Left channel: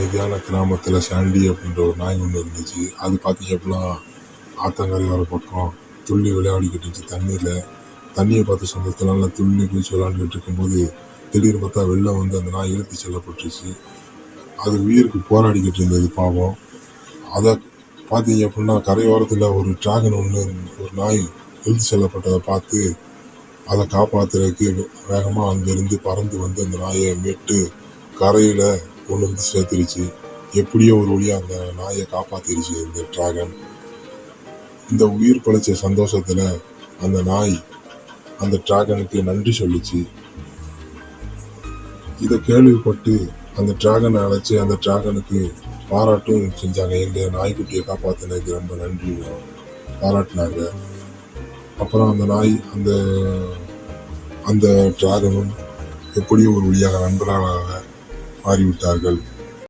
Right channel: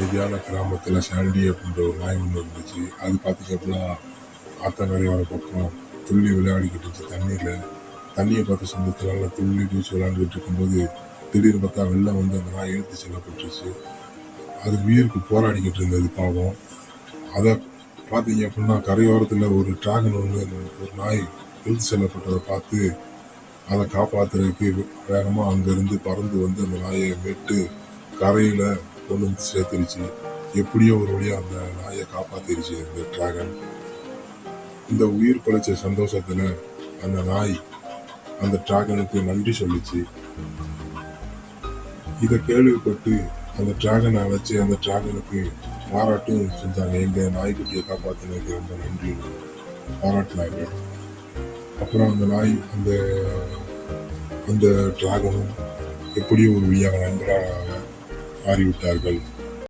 அமைதியான கிராமத்தில் சாண்டி அப்படின்ற ஒரு நாய் ஒன்று இருந்துச்சு. அது பார்த்தீங்க அப்படின்னா ஆத்தங்கரை வர பக்கம் துள்ளி விளையாடிக்கிட்டு இருந்துச்சு தண்ணியில். தண்ணியை பார்த்து சொந்தத்தினால துள்ளி குதிச்சு விளையாண்டுக்கிட்டு இருக்கும்போது திடீர்னு பார்த்தா வெள்ளம் வந்து அந்த நாய் இழுத்து செல்லப்பட்டுருச்சு. அது உயிருக்கு போராடிக்கிட்டு இருந்தது பாவம். அதை பார்த்தீங்க அப்படின்னா கரையோரத்தில் ஒரு டிராகன் ஒன்று ஒரு நாய் இழுத்து செல்லப்பட்டதை பார்த்து அதை காப்பாற்றுறதுக்கு வேகமாக அங்கேருந்து பறந்து வந்து அந்த நாயை மீட்டு கரையில் கொண்டு வந்து சேர்த்துருச்சு. எப்படியோ ஒரு வழியாக அந்த நாயை காப்பாற்றிருச்சு இந்த டிராகன். இந்த உயிர் பழிச்ச சந்தோஷத்தில் அந்த நாய் அந்த டிராகனுக்கு நன்றி சொல்லிச்சு. இதை கேள்விப்பட்டு அந்த டிராகனை அழைச்சி அந்த டிராகனுக்கு பாராட்டும் செஞ்சாங்க. எங்கள் நாய்க்குட்டியை காப்பாற்றினதுக்கு ரொம்ப நன்றி பாராட்டினாங்க. அப்புறம் அந்த நாய் அந்த டிராகனும் எப்படியும் ஒரு வழியாக நண்பர்களாக மாறிவிட்டார்கள்.